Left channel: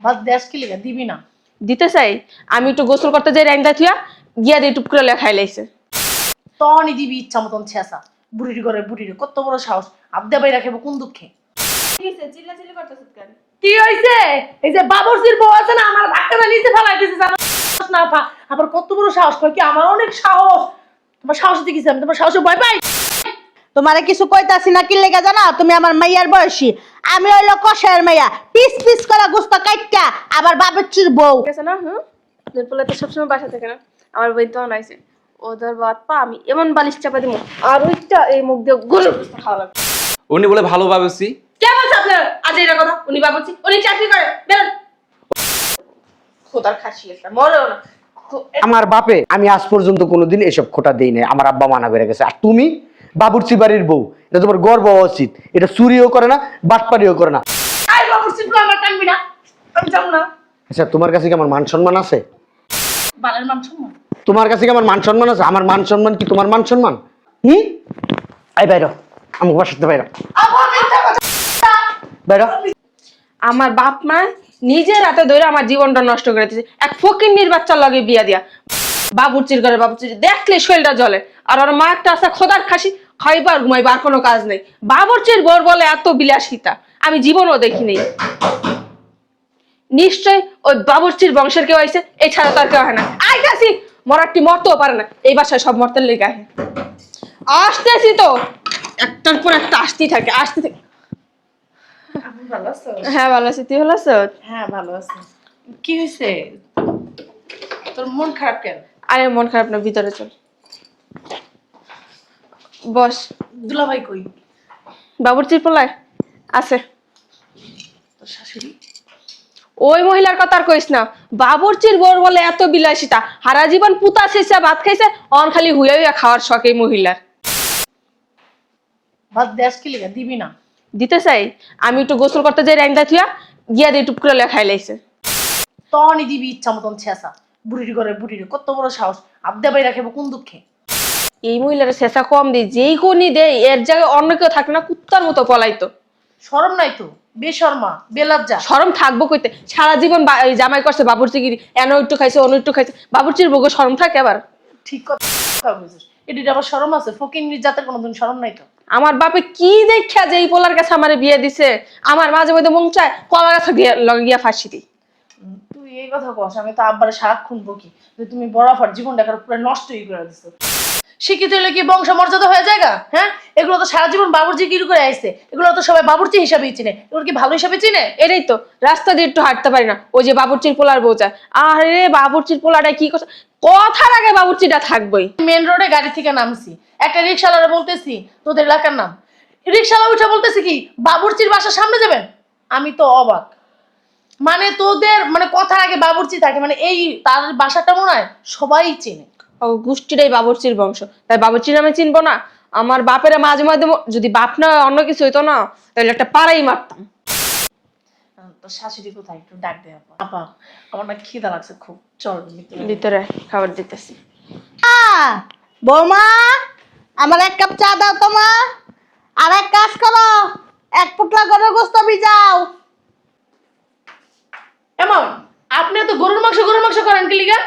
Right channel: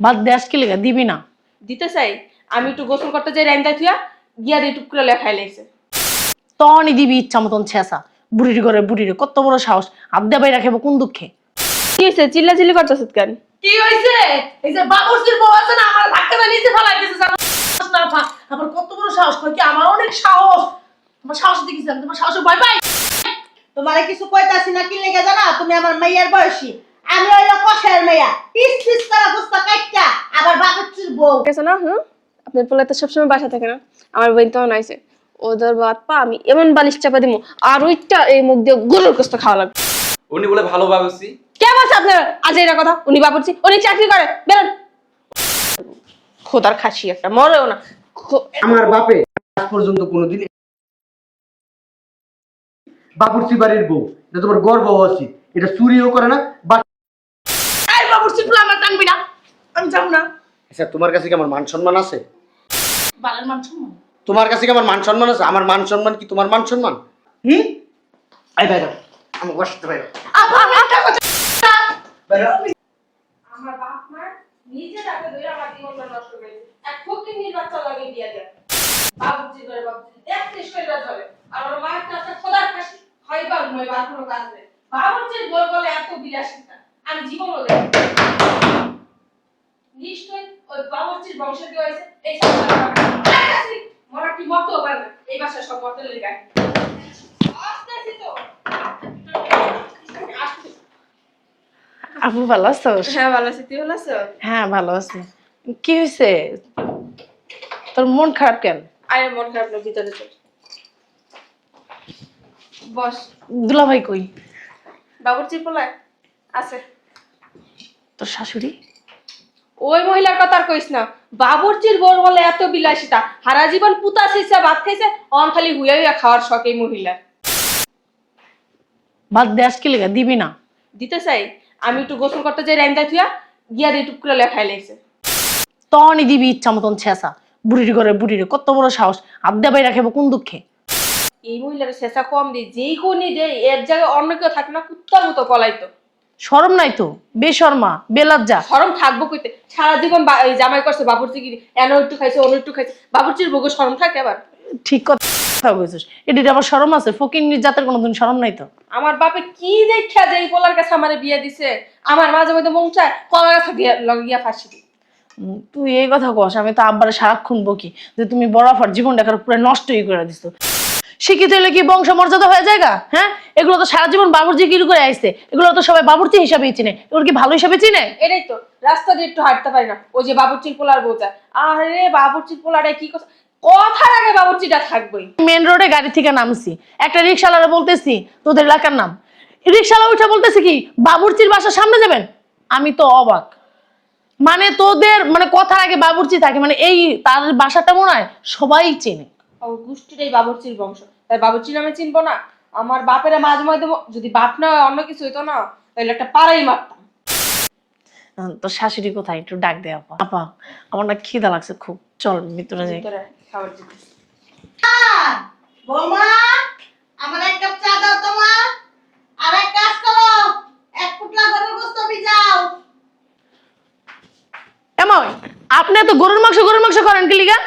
বাদ দে আজকে লিগা দিবি না। দিতে চাই আমি একটু গোসল করতে যাই রাইন্দা থুয়া গিয়া দিয়ে টুপ করে লেখাই লাইছে। তখনই দিবি ইচ্ছা মতন ছেঁচা। বুড়ির ঘরে বুড়িরে কত বড় সাহস, আবদা বাইরা খেবো কোন দুঃখে? কি হয়েছে চিল্লাচিল্লি করতেছ কেন? কি হয়েছে? এই যে বাবুর্চির বউ আছে না, আমার ধাক্কা নিচে ফেলাই দিয়েছে জানো না? আবার কত বড় সাহস, কয় কি আমার অনেক সাহস। তোমার সাহস দেখিস আমি তোমার সাহসে ভয় পাই। তোমারে কিছু কইতাছি না, কি লেগে জানা? তুমি আমার মাইয়ার বয়সী, আমি হইলো কষায়ের মাইয়া, পিস পিস করা গোস্ত কাইটটা আবার বাবুর্চির বউ। ঠিক আছে না? আপনার পোলা তো সবসময় বাসা থাকে না, আমার বোন তো নাইছে ওদের বাদ পা আমি এমন বালিশ চাপা দিব আর ওইটা এই মুখ দিয়ে গরুর গোস্ত খাওয়া লাগবে। উনি বলে ভালো ভাবছি। কেমন আছে আপনার আজ এটা কথা? উনি বাবুর্চি অনেক চাকরি করে, বেরোন। খোদার খাসি একটা, মরেও না। আমার বাপে আমি আজ পর্যন্ত কোনোদিন এসব খোটা দেই নাই, আমার আব্বা মানা করে গেছে। আর তুমি বাবুর্চি বাড়ির বউ, এটা তোমার গর্ব হওয়া উচিত। এটা চুরিও করে না, বাটপাড়িও করে না। এই বাবুর্চি বলে আমার টানবি না, আমি যাবো না। আচ্ছা তোমার কাছে কি আমার মান সম্মান আছে? বালের মান সম্মান? তোমার কাছে কি আমার মান সম্মান আছে? আমার মান সম্মান কি তোমার মান সম্মান? আই বাইরো, আমি বসাতে বাইরো বাইরো। আমার বাপ মা নিজের হাতে ধরে আমার জীবনটা নষ্ট করে দিয়েছে এক ফকিন্নির বাচ্চার লগে বিয়া দিয়া। বাবুর্চির ঘরে বাবুর্চি দেখলে শরীরটা জ্বলে। আর ওর মা একটা আছে খোদার খাসি, খাইবার ঘুমাইবার কোনো কাজ নেই। বাবুর্চির বোর বলে এত বিলাসিতা আমি জীবনও দেখিনি। নিশ্চয় ওই বাবুর্চির বংশের কেউ আইছে, এছাড়া তার কেউ হয় না। আইতাছি, মরাটি মরতেও পারে না, এই বাসায় সব মরতের লেগে আহে। আসতেছি তো, একটার পর একটা আসতেই থাকে আসতে থাকে। আপু ভালো আছো? হ্যাঁ ভালো আছি, তুই ভালো আছো? হ্যাঁ ভালো আছি। কি হয়েছে তোর, মন খারাপ কেন? আরে মন খারাপ না, ভিতরে চল বস। দুলাভাই কই? বাবুর্চির পোলায় আছে। তোর শাশুড়ি? ওই মহিলার কথা আর কইস না। বাবুর্চির বোর বলে এত বিলাসিতা, সারা জীবন পুতা শেষে ভাত খাইছে, অন খালি হুইয়া হুইয়া খাওয়ার শখ এই মহিলার। বাদ দে আজকে লিগা দিবি না। দিতে চাই আমি একটু গোসল করতে যাই রাইন্দা থুয়া গিয়া দিয়ে টুপ করে লেখাই লাইছে। তখনই দিবি ইচ্ছা মতন ছেঁচা। বুড়ির ঘরে বুড়িরে কত বড় সাহস, আবদা বাইরা খেবো কোন দুঃখে? এই মহিলার শেষা কম দিই, যেই কোনি দেয় এর জায়গায় অন্য কেউ থাকে না, কুত্তার মতো পলাইতো। শরম নাই তো? বেশর্মা বেলজ্জা। শরম থাকবো কইতে? সারা জীবন জামাই করছে বাবুর্চিগিরি, এনে একটু খাইছে অন্য একটু খাইছে, বাবুর্চির বউকে শরম থাকে আবার? ঠিক কথা বলছিস, এটির আবার শরম আছে? ফকিন্নির জাতের কোনোদিন শরম নাই তো? আমার বাপে কি দেখা যে এই পোলার কাছে আমারে বিয়ে দিছে, আমার মাঝে মধ্যে মন চায় পোলার কাছে লগে গিয়া ফাঁসি দিই। তুই এই কথা কস, আমি তো আব্বারে সারাক্ষণ বকি যে তুমি বরাবর জীবন দেখার পুরো নষ্টই করে দিছো। শিক্ষিত হলে কি বংশ মর্যাদা হয়ে যায়? হ্যাঁ, এগুলো তো সারা জীবন বাবুর্চি গিরি করে আসছে, এগুলো তো সবাই বাবুর্চি হিসাবেই চিনে। এগুলো কি ভালো হিসাবে চিনে? এটাই তো, রাস্তা দিয়ে একটু হাঁটতে পারি না, ওই যে বাবুর্চির পোলার বউ চায়। আরে বাবুর্চির পোলাটা কি কথা, কথার আগে বাবুর্চিটা থাকবেই। মেন রোডে গাড়ি থেকে নামছি, একটা রিক্সাওয়ালা বলতেছি তোদের এলাকার নাম, রিক্সাওয়ালা উঠে বলতেছে কি বাবুর্চির বাসার সামনে যাবেন। আমি তো অবাক, মানে তোদের মানে কথার আগে বাবুর্চি থাকে, মানে এই তার বাসাটা মনে হয় সবাই চেনে। ও গোষ্ঠীটাই বাবুর্চির বংশ, তাই বাবুর্চির নামে চিনবো না? আমার বাপেরা মাঝে মাঝে যদি বাপ না অন্য কিছু হইতো না, তাহলে একটা পাড়াই মারতাম। তোর শাশুড়ি কোথায়? একটু ডাক দে আপা। আপা আমার না খিদা লাগছে খুব, চল ভিতরে যাই। ভিতরে খাবার দিতেছি। বৌমা, আমার এক কাপ চা দাও তো মা। আর এক কাজ করো, এক পুটলা গরুর গোস্ত ভিজাও। এমন আপনি তো গরুর মাংস করেন কি লিগা?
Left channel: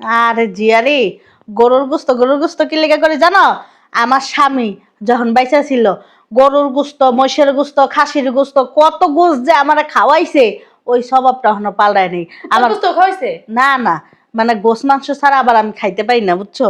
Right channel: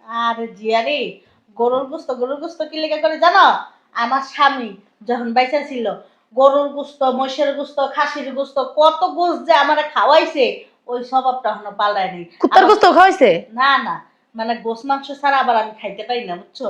আরে জিয়ারি, গরুর গোস্ত কি লেগে করে জানো? আমার স্বামী যখন বাইচা ছিল, গরুর গোস্ত, মহিষের গোস্ত, খাসির গোস্ত, কত গোস্ত যে আমার খাওয়াইছে, ওই স্বভাবটা এখনো পাল্টায় নেই। কুত্তার গোস্ত খাওয়াইছে? না না, মানে গোস্ত মাংস ছাড়া আবার আমি খাইতে পারি না, বুঝছো?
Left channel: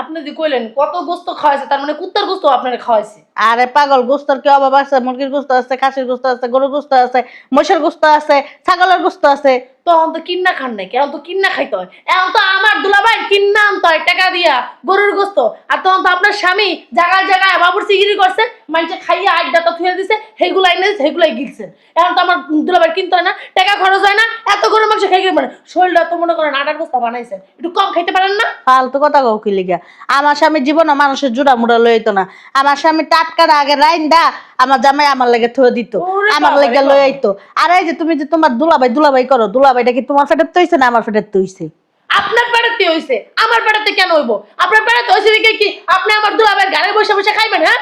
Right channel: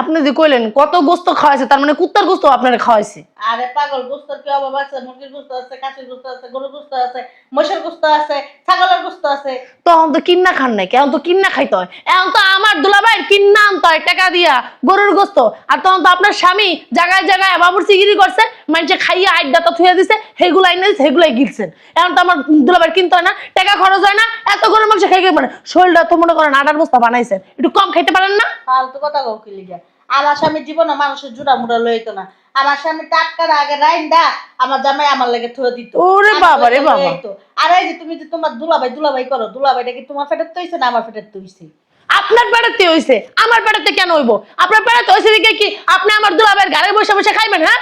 আপনি যে কইলেন কত গোস্ত খাওয়াইছে, তার মানে কুত্তার গোস্ত আপনারা খাওয়াইছে? আরে পাগল, গোস্তর কি অভাব আছে? মুরগির গোস্ত আছে, খাসির গোস্ত আছে, গরুর গোস্ত আছে, মহিষের গোস্ত আছে, ছাগলের গোস্ত আছে। তখন তো কিন্না খান নাই, কেন তো কিন্না খাইতে হয়। এখন তো আমার দুলাভাই কিন্না আনতে হয় টাকা দিয়া গরুর গোস্ত। আর তখন তো আপনার স্বামী জায়গায় জায়গায় বাবুর্চিগিরি করছে, মানুষে খাইয়ে আড্ডাটা থুয়ে দিছে, সেগুলো আইনে সেগুলাই গিলছেন। এখন তো আমার দুলাভাই কিনতে হয় না, টাকা খরচ হয় না, এত গরুর মাংস খাই মানে শরীরটা তো মনে করেন আটার বস্তা বানাইছেন, একটু কম খাইতে পারেন না? ফালতু কথা কও কি লিগা? আমার স্বামী জীবনে মানুষের জুড়া মুড়া লইতো না। আমার স্বামী টাটকার আগে রাইন্দা আমার জামাই আমার লাগে থুয়ে দিত, ওরে আমার বাবা লাগে রে বাবা। লইতো। আর এই যে তুমি যে তোমার দুলাভাই করো, দুলাভাইটা কি তোমার পেটের তৈছে না আমার পেটের তৈছে? আপনার পেড়াতে হইছে, আমার পেড়াতে কেন হইব? আপনার পেড়াতে হইছে দেখে কি আপনি আমার দুলাভাইয়ের গাড়ি বসে বসে খাইবেন? হ্যাঁ,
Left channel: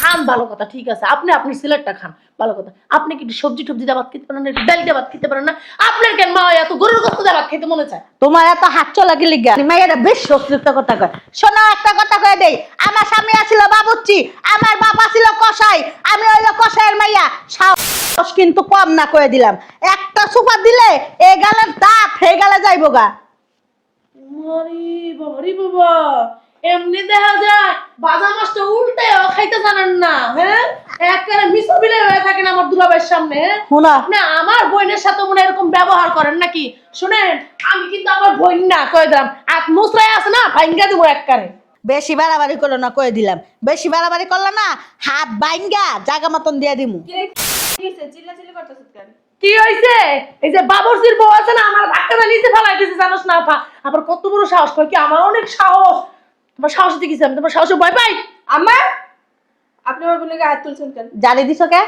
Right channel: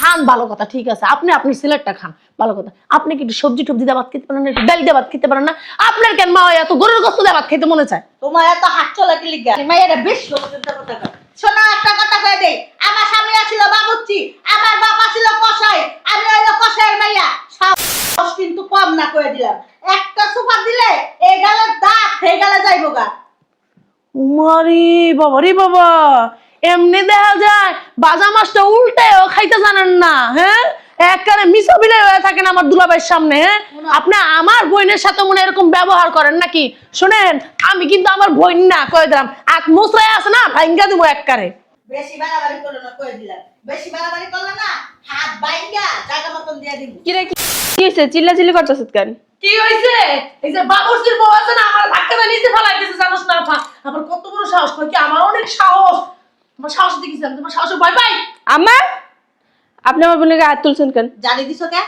খান ভালো কথা, ঠিক আছে, আপনি আপনি সিলেটটা খান ভালো কথা। আপনি কি একটু সবজি টবজি দিয়ে ভাত খেতে পারেন না, একটু ডাল দিয়ে ভাত খেতে পারেন না? আপনার কেন মা এত গরুর গোশত দিয়ে ভাত খেতে মনে চায়? তোমার এত হাত চলা কি লিগা মাইয়াটা বেশ অতিরিক্ত কথা কয়। শোনো একটা কথা কয়ে দেই, আমার স্বামী আছিল বাবুর্চি, আমার বাবা ছিল কসাই, আমি হইলো কসাইয়ের মাইয়া। সাহস কিন্তু কম না কয়ে দিলাম, একটা সুপার দিলে এই গালের দাঁত হয়ে গেলে যাইবো গা। উমারি বাবা রে বাবা, এমনি দেখা যায় বাজা মাছটা উল্টেও খাইতে জানেন না, হ্যাঁ? একবারে মিসাবিলে হয়ে থাকেন আমার দুলাভাইয়ের সামনে, হ্যাঁ? শোনো। আপনি আমার বোনের সাথে মনে এরকম ব্যবহার করেন নাকি? শোনেন, আমি কিন্তু আমার বোন না কয়ে দিলাম, আর মুসরাই আছে না ভাঙ্গা দিব একবারে। বেশি বাড়াবাড়ি করো না কয়ে দিলাম, বেশি বাড়াবাড়ি করলো না হাত বাইঙ্গা জায়গা মতন দিয়ে দিমু। কি রে, কি হয়েছে? চিল্লাচিল্লি করতেছ কেন? কি হইছে? এই যে বাবুর্চির বউ আছে না, আমার ধাক্কা দিয়ে নিচে ফেলাই দিয়েছে, জানোস না আপা? আবার কত বড় সাহস, কয় কি আমার অনেক সাহস। আমার সাহস দেখিস, আমি তোমার সাহসে ভয় পাই। আম্মা, আপনি আমার বোনের গায়ে হাত তুলছেন কেন? জালি দিছো কে?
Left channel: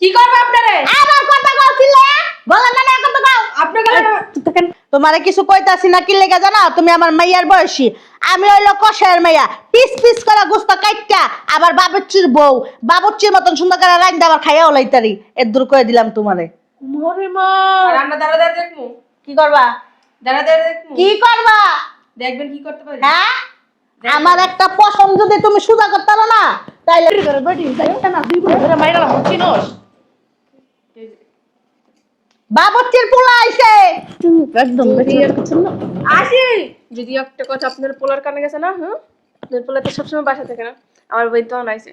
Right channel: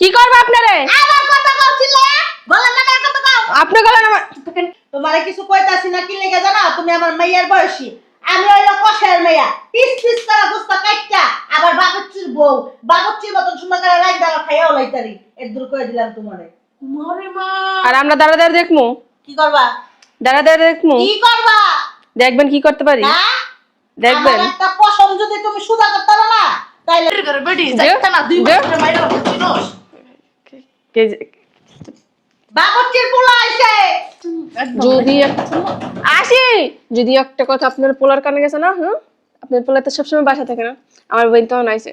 কি করবে আপনারে? আমার কথা কইছিল গলা না না কথা কও। আপনি গেলেন তোমারে কিছু কইতাছি না কি লেগে জানা, তুমি আমার মাইয়ার বয়সী, আমি হইলো কষায়ের মাইয়া, পিস পিস করে গোস্ত কাটটা আবার বাবুর্চির বউ, বাবুর্চির মতন সুন্দর করে রান্না আবার খাইয়াও লাইতারি, এর দূর করে দিলাম তোমারে। মরে মা, আর আমরা দাঁড়া দাঁড়া দেখবো? কি করবা? দাঁড়া দাঁড়া দেখবো? কি করবা? দেখবেন কি করতে পারি। হ্যাঁ, দেখবেন। আমার একটা পছন্দ যদি তুমি সুদা করতে পারো না তাইলে বের করে বেটি যাইতে না, দুই বছর ধরে মাইরা চিনোস। বাবুর্চির পোলা আইছে। একদম যদি দেখি আসি, যদি একটা কথা আপনার পোলার কানে গেছে না, হুম, আপনার পোলা তো সবসময় বাসা থাকে না, আমার বোন তো নাইছে,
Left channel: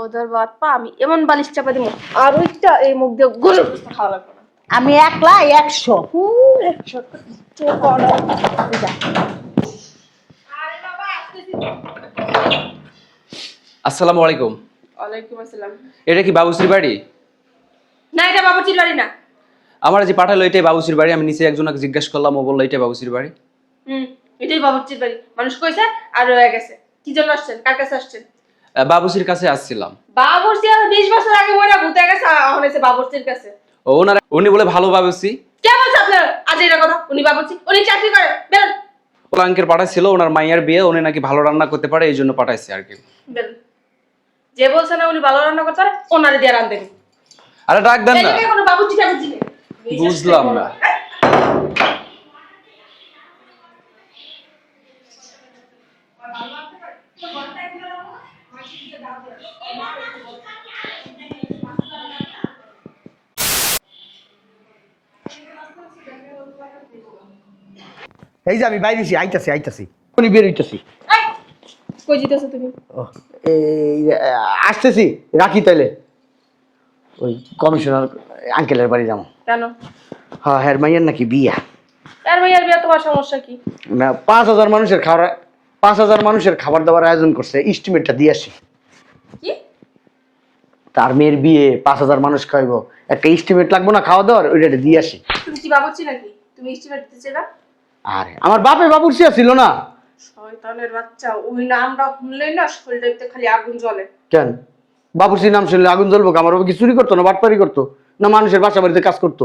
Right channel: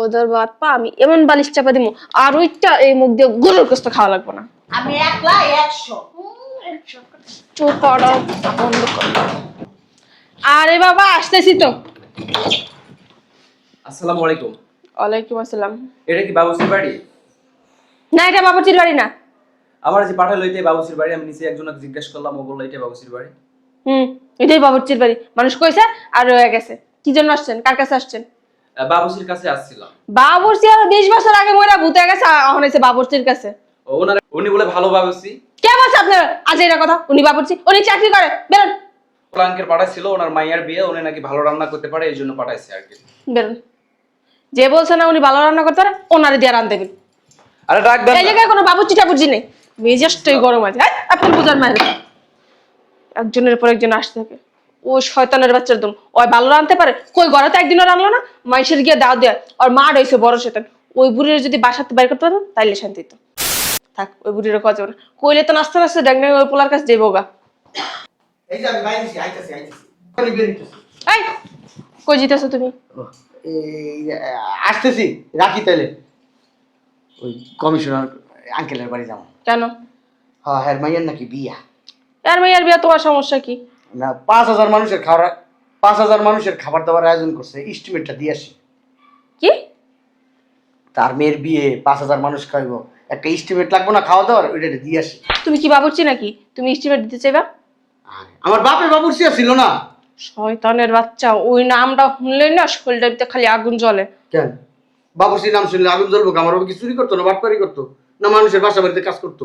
ওদের বাদ পা আমি এমন বালিশ চাপা দিব, আর ওইটা এই মুখ দিয়ে গরুর গোস্ত খাওয়া লাগবে না। আমি একলা 100। চুপ করো। আরে বাবা, আসতেছি তো। আসসালামু আলাইকুম। ওয়ালাইকুম আসসালাম। এটা কি বাবুসির বাড়ি? না, এটা বাবুর্চির বাড়ি না। আমার যে পাঠালো এটাই বাবুসির বাড়ি। আমি নিচে একজনকে জিজ্ঞাসা করলাম, ও বললো এটাই বাবুসির বাড়ি। এটাই বাবুর্চির বাড়ি। মানুষ কইছে আর রয়ে গেছে। কি জন্য আসছেন? কার কাছে আসছেন? বাবুসির কাছে আসছিলাম। বাবুর্চি আর 20 বছর আগে মইরা ভূতে গেছে, এখন এসে বাবুর্চির কাছে। উনি বলে ভালো বাবুসি। কে বলছে আপনার আজ এটা কথা? উনি বাবুর্চি, উনি চাকরি করে, বেরোন ওলাঙ্কের পাঠাইছিল, ওনার মাইয়ার বিয়ে, উনি নাকি ভালো রান্না করতে পারে, এই জন্য পাঠাইছে আর কি। বেরোন। যে বলছে না উনি ভালো রান্না করতে পারে, ওনারে দিয়ে রান দেবেন। আরে ডাক দেন এই না। জায়গায় কোনো বাবুর্চি টাবুর্চি নেই। মেজাজটাই বুঝলাম গরম না। আছে। আপনি বুঝার মাঝে একজনের পর একজন আসতে থাকে। ও শয়তানের বাচ্চার দম, ওই ভালো রাঁধতে পারে, কই ঘরে তো একদিনও রান্নলো না, মাইসের গিয়ে দাও দেয়, আর মা রয়েছে বড় শয়তান। ওই বুড়ির যদি বাসাতে বাইর করতে পারে তাইলে শান্তি তো থাক। ওই বুড়ির কাজ করে কইলে তো নাচতে নাচতে ডাক ওই পোলার কাছে যাইবো গা। এই যে আমি বাইরেছি, আইতাছি উনি বের হইতাছি। এই কই জিতেছো তুমি? এই আসতেছি, রাখি তাইলে। ওই কমিশনার আঙ্কেলের বাড়ি যাবো। কেন? হ্যাঁ, হ্যাঁ, মাইয়ার নাকি বিয়া। এর মেয়ের বিয়া, তোমার সমস্যা কি? না, 5000 মানুষের খাবার, 5000 মানুষের খাবার দাবার আয়োজন করছে, এস্টিমেটটা দিয়ে আসি। কি? তার মেয়ের বিয়ে, 5000 মানুষ খাইবো, একটা এস্টিমেট লাগবো না খাওয়া দাওয়ার, ওইটা দিয়ে আসি। তুমি কি বাবুর্চি নাকি? তুমি এস্টিমেট দিতে চাইবা? আরে আমার বাপের বাবুর্চি ছিল না। শয়তানের বাচ্চা, ওই নামটা শুনলেই না শরীরটার ভিতরে খালি আগুন জ্বলে। কেন বাবুর্চির নাম শুনলে আগুন জ্বলবো? আমার বাবা কি চুরি করতো না, বাটপারি করতো না, মানুষের বাসা বাড়িতে কাজ করতো?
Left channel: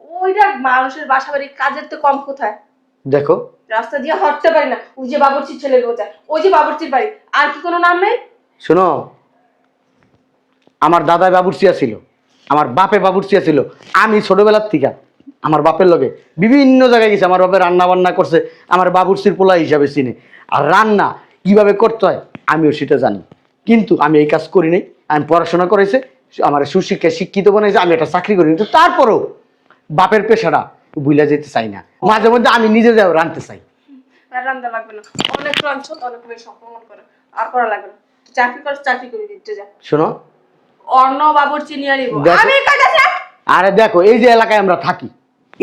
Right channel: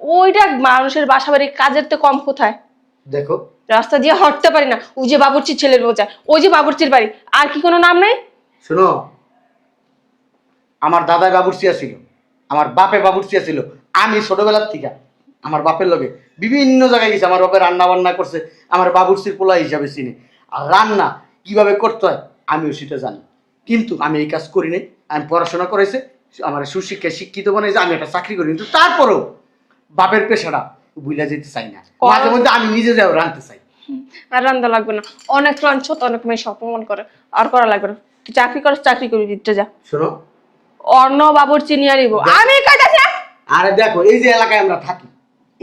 ওইটা মানুষের বাসা বাড়ির কাজের তো কম কোথায়? দেখো, রাস্তা দিয়ে হাঁটতে পারি না, ওই যে বাবুর্চির ছেলের বোঝা, ওই যে বাবুর্চির বাড়ি, আর কি কোনো নাম নাই? শোনো, আমার দাদা বাবুর্চি ছিল, আমার বাপের বাবুর্চি ছিল। আমি ছোটবেলার থেকে আমার বাপের লগে বিভিন্ন জায়গায় গেছি, আমার বাপের রান্না বান্না করছে, আমার বাবুর্চির পোলা হিসাবে চিনি। আর রান্না কিভাবে করতে হয় আমিও সেটা জানি, কিন্তু আমি এই কাজ করিনি। আমি পড়াশোনা করেছে, আমার সুশিক্ষায় শিক্ষিত বানিয়েছে, আমি একটা চাকরি করি, কিন্তু তারপরেও বাপের পেশাটা ভুলে যেতে চাই না। মাঝে মধ্যে আমি নিজে যাও রাঁধতে চাই। আর রান্না লাগবে না, অনেক লাঞ্ছ, অনেক মেয়ে অপমান করে, আর করা লাগবে না। তুই চাকরি করিস, চাকরি করবি, দিতে যা। শোনো, অন্য বাবুর্চি নিয়ে আনিব দেখো। আমি কাজে যা। আরে দেখো, এই যে এলাকায় আমরা থাকি,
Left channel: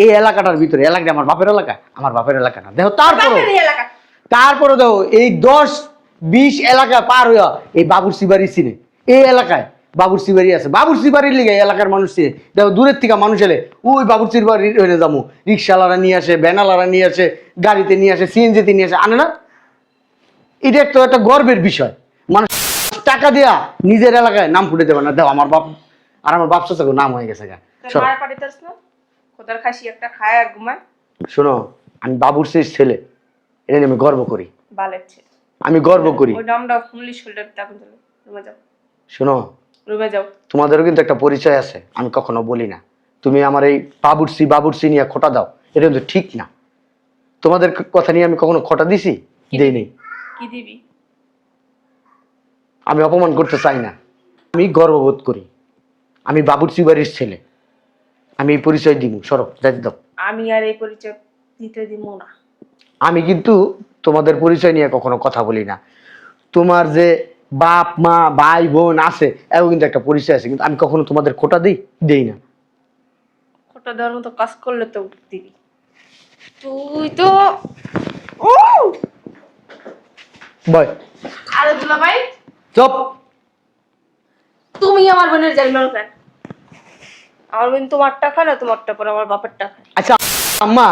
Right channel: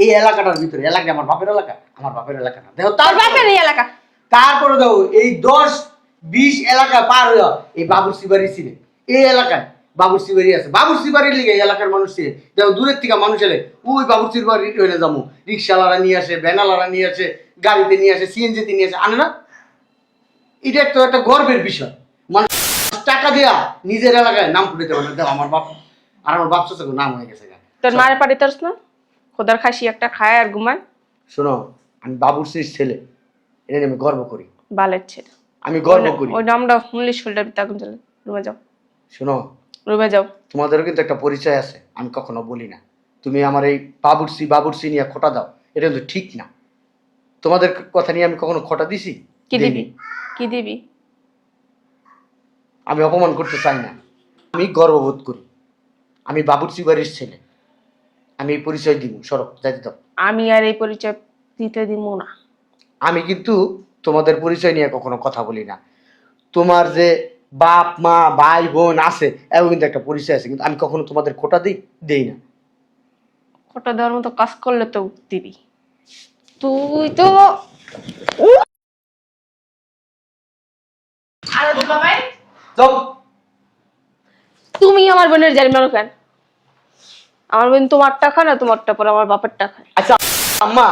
এই এলাকাটার ভিতরে, এলাকা আমার বাপের এলাকা, আমার বাপের এলাকা না। দেখো বাপের এই এলাকা, তারপরে দেখো এই 10-20 এলাকা পার হইয়া এই বাবুর্চি বাড়ি চিনে, এই এলাকায় বাবুর্চি বাড়ি আছে। বাবুর্চি বাড়ির লিগে এই এলাকার মানুষ চিনে। দেখো দূরের থেকে মানুষ এলে ওই বাবুর্চির বাড়ি হয়ে যাবো, রিক্সাওয়ালারা নিয়ে আসে, ভ্যানালারা নিয়ে আসে, গাড়িতে নিয়ে আসে, সিএনজিতে নিয়ে আসে, আনে না? এটা তো একটা গর্বের বিষয়। মানুষ টাকা দেয়া নিজের এলাকায় নাম ফুটে দেবে না। দেখো আমার বাপ আর আমার বাপ চাচাকে নাম হয়ে গেছে। তোর মায়ের পাড়ি তারস না, খোদার খাসি একটা খায় আর ঘুমায়। শোনো, আমি বাবুর্চির ছেলে, এটা নিয়ে আমি গর্ব করি। বালের ছেলে, আমি গর্ব করি। ওই নামটা শুনলে শরীরটা ভিতরে আগুন জ্বলে। রুমে যাও, শোনো, রুমে যাও। তোমাদেরও কিন্তু একটা পরিচয় আছে, আমি কখনো বলি না। তুমি আমার এই বাবুর্চি নিয়ে খোটা দাও, এটা কিন্তু ঠিক না। তোমাদের কথা নিয়ে আমি কখনো খোটা দিছি? কি দেইনি। দিবি? কি দিবি? আমি অপমান করতে চাই না, আমি গর্ববোধ করি। আমি বাবুর্চি বাড়ির ছেলে, আমি এই পরিচয় দিব। সরব, যাইতে দাও। আমি আর এই পরিচয় দিতে দিব না। আমি কিন্তু তোমাদের পরিচয় নিয়ে কখনো কথা বলি না। তোমার যে বাপ মা ভাই বোন আছে, এও কিন্তু একটা পরিচয় আছে, কিন্তু আমি কখনো তোমাদের খোটা দেই না। ওটা দেওয়ার মতো কাজ করলে তো দিবি। তুই তো বয় আরে দুলাভাই, চুপ। তুমি আমার বোনের জাল মারো কেন? আমার বোন তোমারটা খায় না, তোমারটা পরে আমার বাপেরটা খায়। আচ্ছা আম্মা,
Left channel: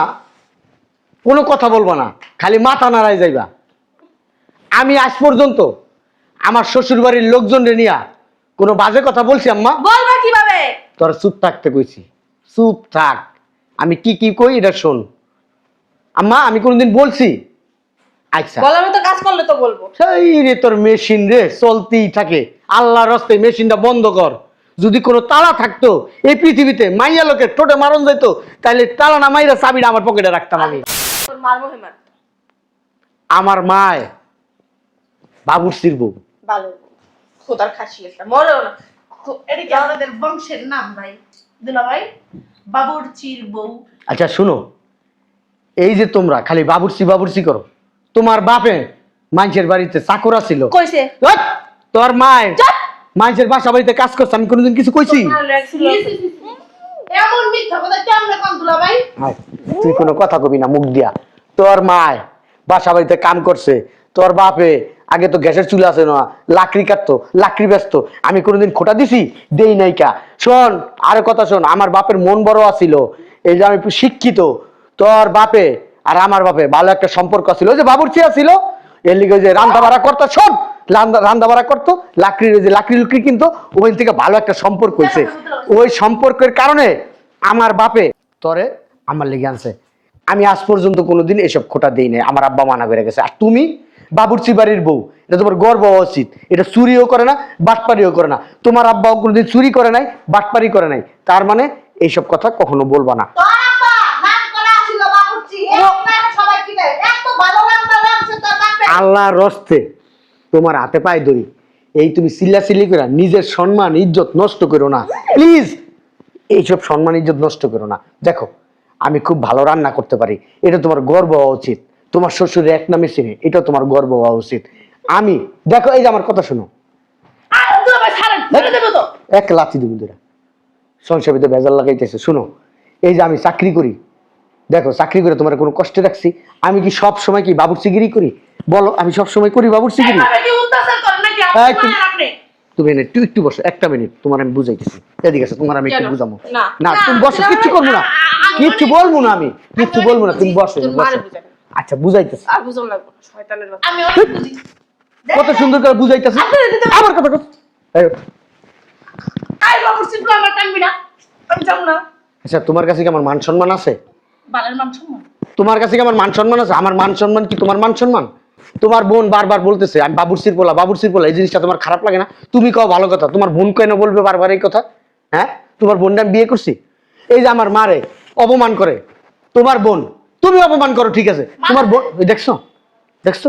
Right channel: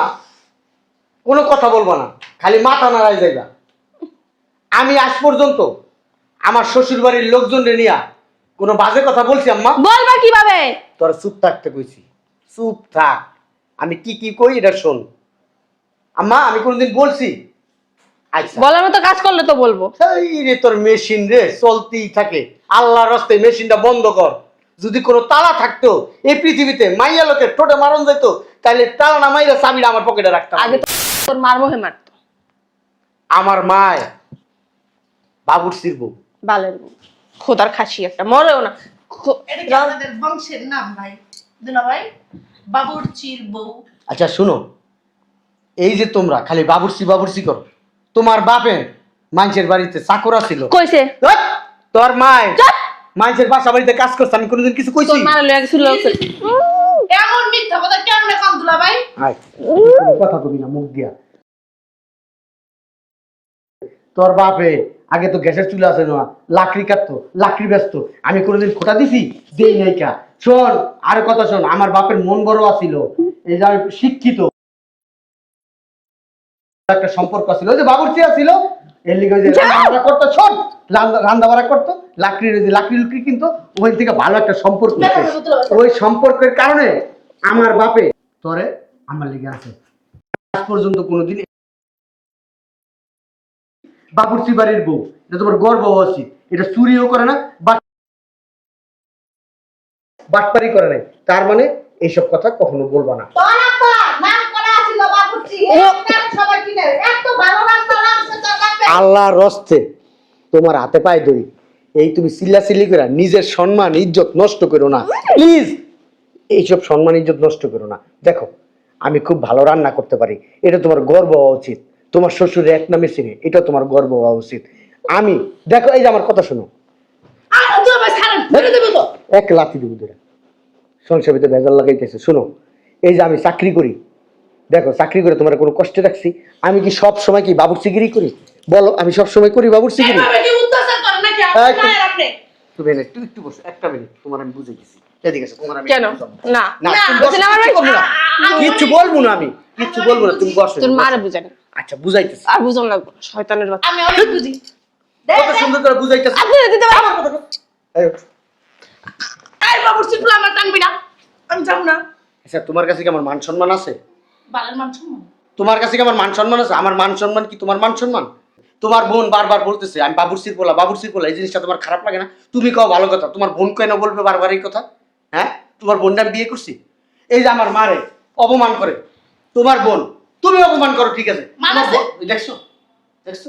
কোনো কথা বলবো না, খালি মাথা নাড়াই যাইবা। আমি আজ পর্যন্ত আমার শ্বশুর বাড়ির লোকজন নিয়ে কোনো বাজে কথা বলছি আম্মা? বলবা কিভাবে? তোর চুপ থাকতে কইছি, চুপ থাক। আমি কি কি কই এটা শোন আম্মা। আমি কোনোদিন বলছি? আচ্ছা, বলার মতো কাজ করলে তো বলবো। সেই রে তোর মেশিন রে চলতেই থাকে। আল্লাহর রাস্তায় মেশিনটা বন্ধ কর। যদি কোনো তালা থাকতো এই পৃথিবীতে, মাইয়া লোকের টোটে মারন যেত, তাহলে তালা না মাইরা চাবিটা আমার পকেটে রাখতাম আগে আমি। তো তোর মার মোহে মারতো। আমার মায় বাবুর্চির বউ। বালের বউ, খোদার খাসি একটা, মরেও না। এটা কি আমাদের বংশের নাম ভাই? দুলাভাই, বাবুর্চির বউ। আচ্ছা শুনো, এই যে তোমরা খালি বাবুর্চি করো, তোমার বাপে মানুষের বাড়িতে চাকরা ছিল। কইছে ওই, তোর মায় মানুষের বাসা বাড়িতে কাজ করছে, আমি কোনোদিন কিছু কইছি? মা লয়ে গেছিল। এমন মিথ্যা কথা কেমনে কম দুলাভাই? আয়, তুই কোনো কথা কবি না মুখ দিয়া। তোর মায় বাসা বাড়িতে কাম করছে, তোর বাপে আগে তো গ্যাসের চুলা আছে না, লাকড়ি কাটতো, লাকড়ি ব্যস্ত। আমি কোনোদিন খোটা দিছি? দেই নাই কা। শোন, আরে কথা শোন, আমার বাপের মন বড় আছিল, এই যে আমি একটু শিক্ষিত। তোর বাপে আর আমার বাপে ভালো একটা সম্পর্ক ছিল, ওই যে বাবুর্চি ছিল, এর লিগে যে রান্না বাড়া করতো, শোন, রান্না বাড়া করতো, লাকড়ির যে লাকড়ি লুকড়ি কিনতো, ওখান থেকে ভালো একটা সম্পর্ক হয়েছে। ওই সম্পর্কের কারণে আমার বাপে তোরে আমার লেগে আনছে। আমি আজ পর্যন্ত কোনোদিন এসব খোটা দেই নাই, আমার আব্বা মানা করে গেছে। আর তুমি বাবুর্চি বাড়ির বউ, এটা তোমার গর্ব হওয়া উচিত। এটা চুরিও করে না, বাটপারিও করে না। তোমার আব্বাও কোনোদিন চুরি করে নাই, বাটপারি করে নাই, তার মানে এইসব কথা কখনো বলবা না। তোর আব্বা নাম করা ছিল বাবুর্চি, একটা সবাই চিনে, এত ভালো নামটা রাখছে তোর বাপে। আল্লাহর রস্তে তোমার হাতে পায়ে ধরি, এই তুমি চিল্লাচিল্লি করে নিজের সম্মান ইজ্জত নষ্ট করো না প্লিজ। এইসব সম্মান ইজ্জত নষ্ট করো না। দেখো, আমি খুব ভালো রান্না করতে পারি, এটা তোমার গর্ব হওয়া উচিত। তোমার শ্বশুরের এক নামে চিনে, এটা তোমার গর্ব হওয়া উচিত। আমি দেখো, এই যে আমার কথা শোনো, দুলাভাই ছাড়েন, মেরে দেবো তো। এক লাথি দিব ধরে সংসার ভিতরে ভেজাল লাগাইতেছে। শোনো, এই যে আমি চাকরি করি, দেখো চাকরি করে তোমার কোনো কষ্ট রাখছি? আমি কি সব সময় কি বাবুর্চিগিরি করি? বলো, আমি সব সময় করি বাবুর্চিগিরি? এভাবে কি অত্যাচার করেন নাকি আপনি? এই, মায়ের আপনি? তুমি এনে একটু বসো, একটা মিনিট, তোমার আমি বুঝাইতেছি। এদিকে আসো, তোমার আমি একটু কেন? বুঝাবো। না, না, তুমি বসো, কিচ্ছু করবো না, কিচ্ছু বলবো না, আমি কিচ্ছু বলবো না, তুমি বসো, তোর বসো। মারে বুঝানি। আচ্ছা বুঝাইতেছি, আর বুঝন লাগবো না, শয়তানের বাচ্চা। আমি অনেক বুঝি। কত সুন্দর করে বুঝাইতেছি। আমার কথা কও। এই, এই বাবুর্চির বউ আমার টানবি না, আমি যাবো না। আচ্ছা তোমার কাছে কি আমার মান সম্মান আছে? বালের মান সম্মান। তোমার কাছে কি আমার মান সম্মান আছে? আমার মান সম্মান কি তোমার মান সম্মান? তোমার বোন বারবার বলতেছে আমি বাবুর্চির পোলা, এই জিনিসটা তোমার খারাপ লাগে না? তুমি কও ভালো কথা, তোমার বোন কেন বলবে বারবার এই কথা? হ্যাঁ, তোমার বোনটা আমি বিয়ে করছি? এই যে আমার মারে অপমান করে তোমার বোন, তুমি অপমান করো, ঠিক আছে? তোমার বোন, ওই দেখছো দেখছো,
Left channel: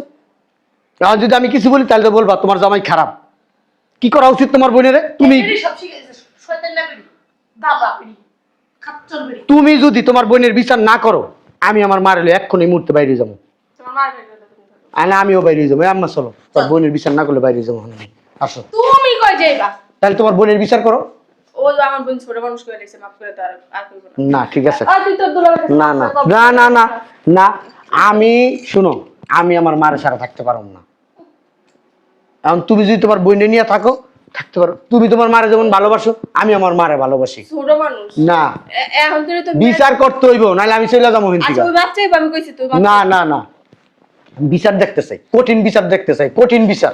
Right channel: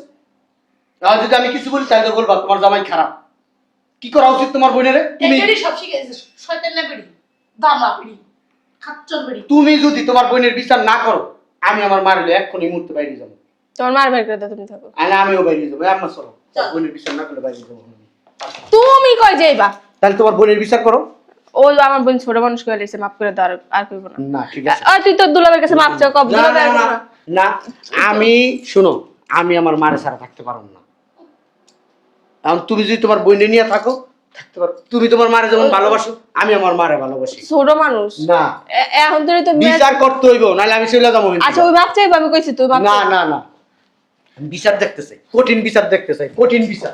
আর যদি আমি কিছু বলি তাহলে তো বলবা তোমার জামাই খারাপ। কি করা উচিত তোমার বোনের? তুমি এই বেড়ি সব শিখে গেছে, শয়তান না বেড়ি, দামড়া বেড়ি, খাচ্চর বেড়ি। তুমি যদি তোমার বোনের বিচার না করো, আমি আমার মার হলে এক্ষুনি এই মুহূর্তে বাইরে যাবো। তোমার মার বের করে দাও, তুমি থাকো। আরে আমিও বাইরে যাবো। এই আম্মা চলো, তোর বোনের বিচার না করলে বাইরে যাবো আমি। আসো, তুমি কই যাইবা? তাহলে তোমার বোনের বিচার করো। ওই আমার বোন ছোট মানুষ করে লেছে, মাফ করে দাও, আর কইব না। না ঠিক আছে, আর তুই তোর দুলাভাইয়ের কাছে না মাফ চাও, কব না না না না, আমি শুনো, আমি আমার মায়ের ছাড়া থাকতে পারবো না। এখন তুমি যদি তোমার বোন নিয়ে থাকো, থাকতে পারো। তুমি তোমার মারে যেমন ভালোবাসো, আমি আমার মারে ভালোবাসি। ছোট মানুষ না, এখন তুই তো বিচার করতে হইব, নাহলে আমি চলে যাবো। আচ্ছা ওই বাচ্চাই আমি কইছি তুই না না না, বিচার দেখতে চাই, কঠিন বিচার দেখতে চাই, কঠিন বিচার।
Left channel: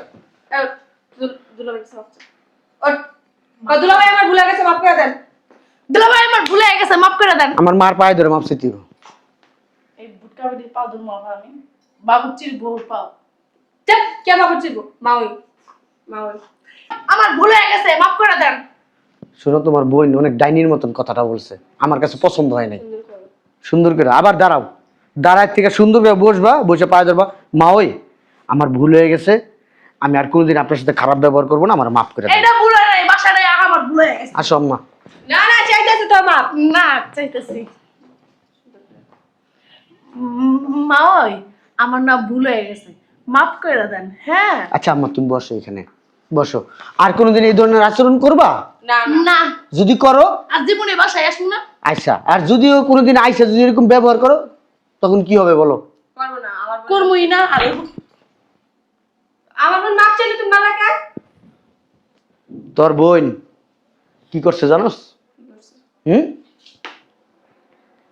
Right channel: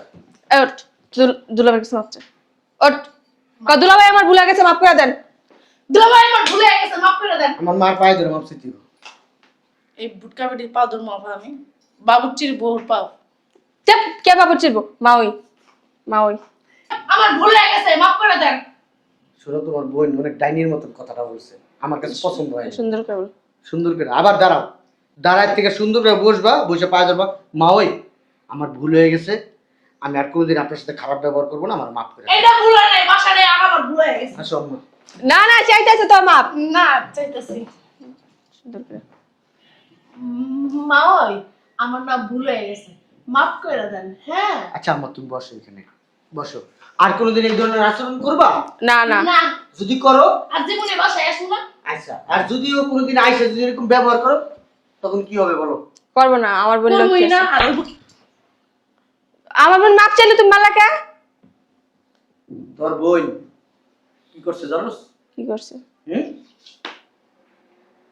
ওঠ, দুলাভাইয়ের কাছে মাফ চা। ওঠ, দুলাভাই আমার ভুলে গেছে, মাফ করে দেন। দুলাভাই আমার ভুলে গেছে, মাফ করে দেন। আমার মার পায়ে ধরে মাপ চাইতে হইব। এই বুটকা বেটির পা ধরবো আমি, বাবুর্চির বউর পা। চাপ, কে বাবুর চিরবো? মা ওই আমার ভুল হয়ে গেছে, মাফ করে দেন। শুনো, তোমার বোন অনেক ডাইনির মতন কথাটা বলছে, আমার কাছে পছন্দ হয় না। সুন্দর করে বল। সুন্দর করে আবার দাঁড়াও, দাঁড়ায় থেকে সুন্দর করে বসবা, বসে পায়ে ধরবা, মা ওই আমার ভুল হয়ে গেছে, আমি আর কোনোদিন আপনার সাথে খারাপ ব্যবহার করবো না, আমার মাফ করে দাও। এটা ভুল হয় নাই, বাসাটাই আমার ভুল হয়ে গেছে। আসো আম্মা। না না, চাইতেছে তোর মা। না চাইতেছি। সুন্দর করে। মা ওই আমার না ভুল হয়ে গেছে, মাফ করে দেন। হ্যাঁ আচ্ছা আম্মা, তুমি বসো এখানে, বসো। আর কোনোদিন এই ধরনের আচরণ করবা? না না না, যদি করো আর জীবনে বাসায় আসুন না। আচ্ছা, আর যদিও কোনোদিন আইসা যদি এরকম ব্যবহার করো, তখন কি হবে বলো? করবো না। আমার বোন করবই না। আর আমার বোন মাপ চাইলে তুমি মালা কে? তোর বোন কি করছে জানোস? কি করছে? হুম,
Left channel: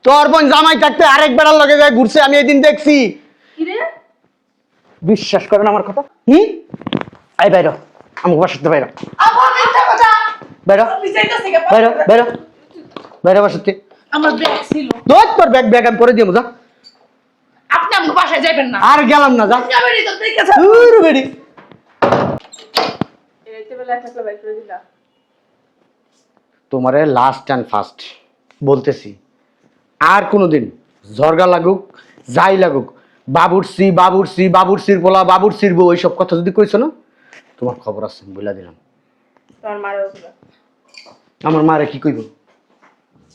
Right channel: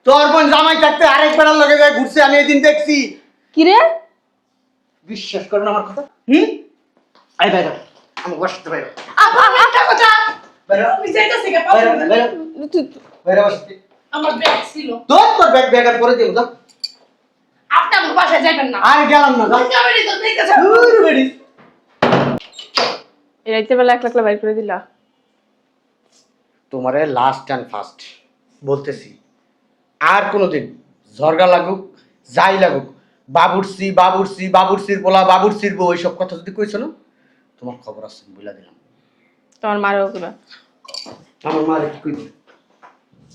তোর বোন জামাই থাকতে আরেক বেড়ার লগে যায় ঘুরছে, আমি এদিন দেখছি। কি রে? বিশ্বাস করেন আমার কথা? আই বাইরো, আমাকে বাসাতে বাইরো, আপা একটা কথা, বাইরো, আমি চাইতেছি না, বাইরো, বাইরো, বাইরো বাসাতে। আমার ব্যাগ ছিল। তোর ব্যাগ ব্যাগ আমি করে দিয়ে যা। আপনি আমার বাসায় যাবেন না। আর গেলাম না, যা। যাবেনই তো, ঠিক আছে। দূর বেড়ি। এই রাইতে বেলা এক লাখ বাইর করে দিলা। তোমারে লাস্ট অ্যান্ড ফার্স্ট বলতেছি, আর কোনোদিন ঝরগা লাগুক যাই লাগুক, বাবুরসি বাবুরসি বাবুরসির বলা বাবুরসির বউ এইসব কথা যদি কইছো না, তোমার খবর আছে বলে দিলাম। তোমার মারো গুলা। আমার মারে কি কইব?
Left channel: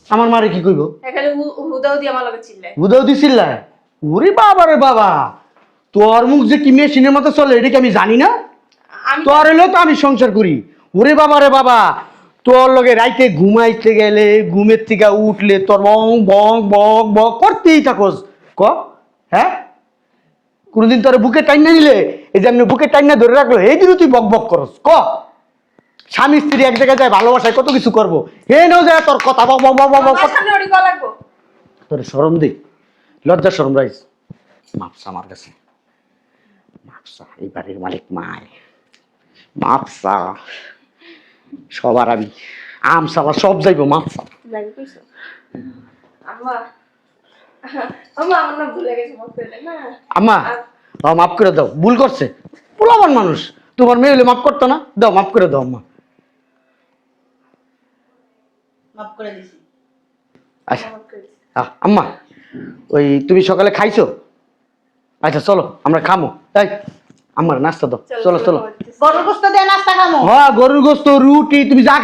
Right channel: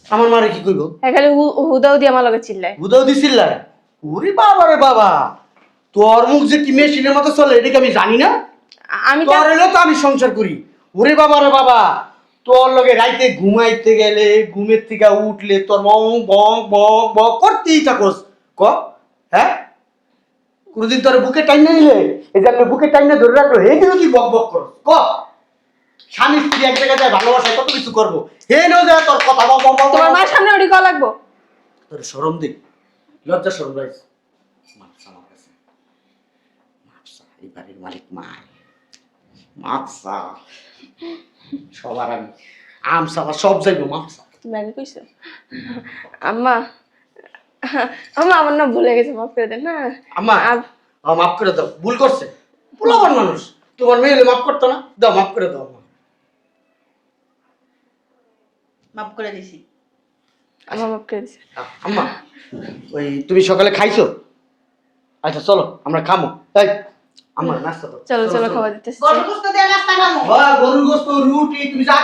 আমার মারে কি কইব? খালি হুদাও দিয়ে আমার লগে চিল্লায়। বুঝাও দিছিল না? ওরে বাবা রে বাবা, তোর মুখ যে কি মেশিনের মতো চলে এটা কি আমি জানি না? আমি তোর এলেও তো আমি সংসার করি। ওরে বাবা রে বাবা, তোর লগে রাইতে ঘুমাইতে গেলে ঘুমের থেকে উঠলে তোর বং বং বং বং করতেই থাকোস। ক হ্যাঁ, কোনদিন তোর বুকে টাইম না দিলে, এই যে আমি বুকে টাইম না ধরে রাখলো, এই দিনও তুই বক বক করস। ক স্বামী স্ত্রী এক জায়গায় যায় ভালোবাসায় কত কিছু করবো, হে নাও যায় তোর কথা বক বক বক বক তোমার বক। সামনে ওড়ি কল লাগবো। তোর শরম দিই, লজ্জা শরম রাইস। মাপসা আমার কাছে, মাপসা এই বাড়ির মালিক মায়, মাপসা সবার আমি আমসা সব যাইবো মাপসা। ব্যাগে কইছে আম্মা, আম্মা আমার না ভুলে গেছে, মাফ করে দেন না। আম্মা মাফ করে দাও, ভুল করছে, পোলাবান মানুষ, তোমার মেয়ে হলে মাফ করতো না? দাও মাফ করে দাও আম্মা। মাফ করে দিছি। আচ্ছা মাফ করে দিছে। আম্মা, ওই তুমি সকালে খাইছো? আচ্ছা চলো আমরা খামো, তাই আমার নাস্তা দাও। চলো চলো চলো চলো। খাওয়া দিতেছি। গরুর গোশত দিয়ে নাস্তা খামো। গরুর গোস্ত রুটি তুমি যা